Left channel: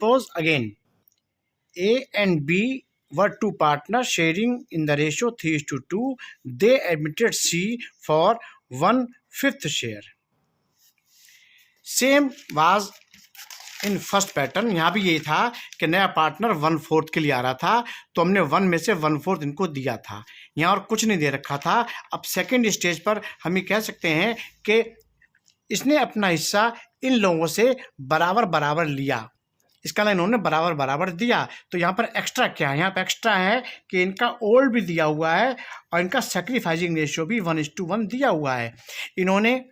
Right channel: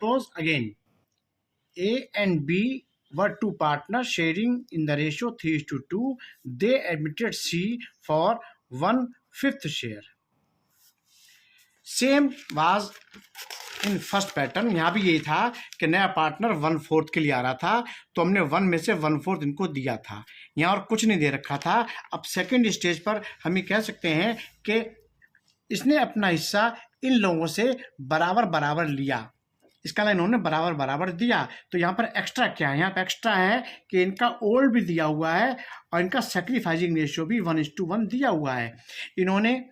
Suppose again, A and B were two partners sharing in the ratio 3:2. They admitted C for 1/5 share. Same was in first pattern. यहाँ भी यही था कि नया partner 1/4 के लिए आ रहा था, तो हमने 1 में से 1/4 इनको दिया था। यहाँ और कुछ नहीं दे रखा था। अब सेकंड स्टेज पर हम ये कह सकते हैं कि इसने अपना हिस्सा इन लोगों से बराबर बराबर लिया, इसका लाइन इन्होंने बराबर बराबर दिया। तो यहाँ पर एक्स्ट्रा क्या है? यहाँ पर एक्स्ट्रा है कि इनका ओल्ड भी दिया हुआ है और इनका सेक्रीफाइसिंग रेशियो भी 1:1 दिया हुआ है। इन्होंने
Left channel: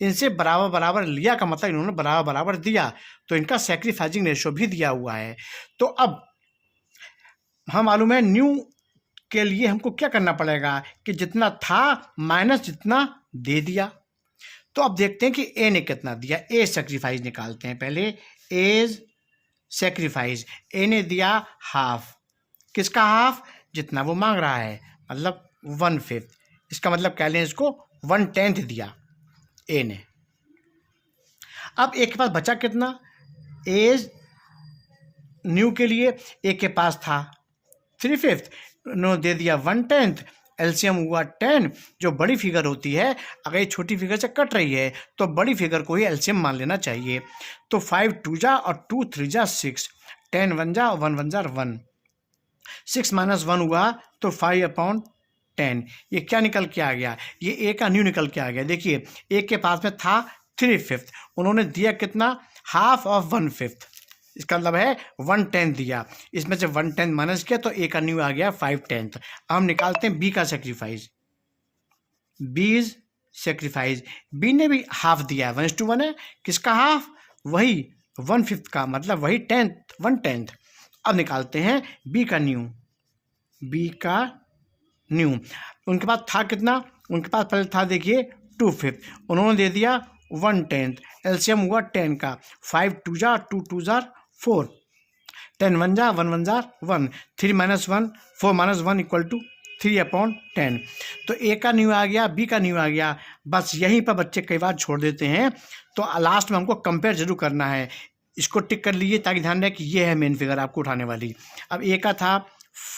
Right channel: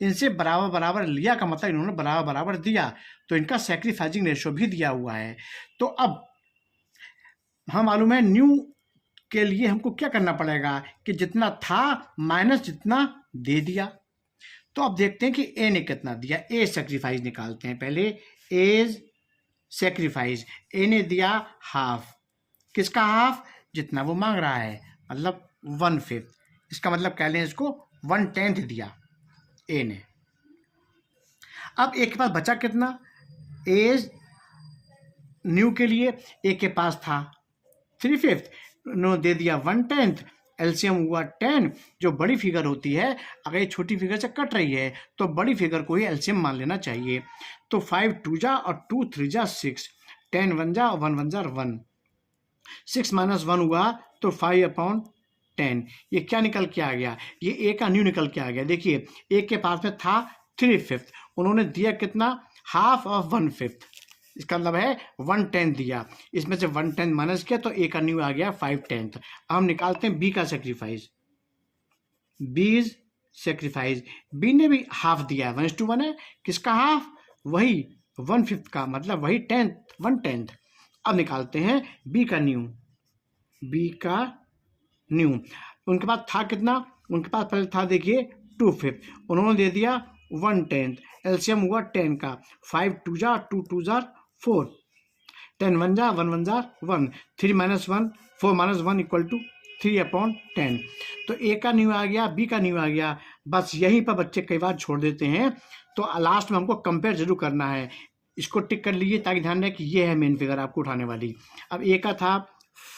इनसे बराबर बराबर लिया का मतलब इन्होंने बराबर बराबर दिया, तो इनका सेक्रीफाइसिंग रेशियो भी दिया हुआ है। तो अब हम मालूम है न्यू के लिए हमको क्या करना पड़ेगा कि जितना था माइनस जितना दे दिया। तो अब देखते हैं कि ए ने कितना दिया। ए सेक्रीफाइस निकालते हैं पहले। एज सेक्रीफाइस, ए ने दिया हाफ। किसका हाफ? जितना वो मांग रहा है, मतलब 1/5। इसका मतलब कह लें इसको 1/10 दिया ए ने। अब ए के पास बचा कितना? एज न्यू के लिए ए के पास था 3/5, उन्होंने दे दिया 1/10। एलसीएम हुआ 10। जो बड़ी फिगर होती है, अगर ये छोटी फिगर से कट रही है तो बड़ी फिगर को ही एलसीएम मान लेना चाहिए। तो 5 2 जा और 2 3 जा 6, 10 1 जा 1 1 जा 1, 6 - 1 हुआ तो 5/10। ये क्या निकल के आ गया? ये ए का न्यू निकल के आ गया। देखिए ए के पास में था 3/5, उन्होंने दिया कितना? Half of 1/5। इसका मतलब है 1/10 दिया, इसमें से 1/10 माइनस किया तो ए का न्यू आ गया 5/10। अब हम निकालते हैं बी का सेक्रीफाइस। बी सेक्रीफाइस, बी ने भी हाफ दिया है, 1:1 है। किसका हाफ? वही 1/5 का, मतलब वही 1/10। अब निकालते हैं बी का न्यू। बी का न्यू उनके पास था कितना? उनके पास पहले था, देखिए 2/5, उन्होंने दे दिया 1/10। एलसीएम हुआ 10 का, 5 2 जा 2 2 जा 4, 10 1 जा 1 1 जा 1, 3 - 1 4 - 1 = 3/10। तो ए का न्यू आ गया, बी का न्यू आ गया। बस यहीं पर बच्चे कई बार छोड़ देते हैं, तो लास्ट में हमको कंपेयर जरूर करना है। इसको टिक कर लीजिए ताकि ध्यान रहे कि ये है मेन फिगर आपको उठाने वाली। अब ए का था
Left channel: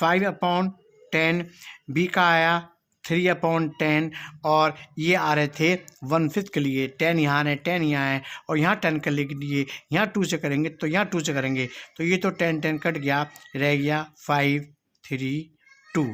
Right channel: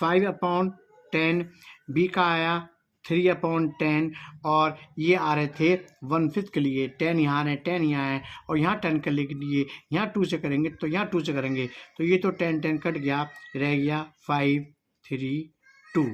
5/10, बी का आया 3/10 और ये आ रहे थे 1/5 के लिए। 10 यहाँ है, 10 यहाँ है और यहाँ 10 कर लिए, यहाँ 2 से करेंगे तो यहाँ 2 से करेंगे, तो ये तो 10 10 कट गया, रह गया 5 3 2।